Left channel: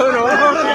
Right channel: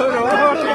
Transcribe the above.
Sorry,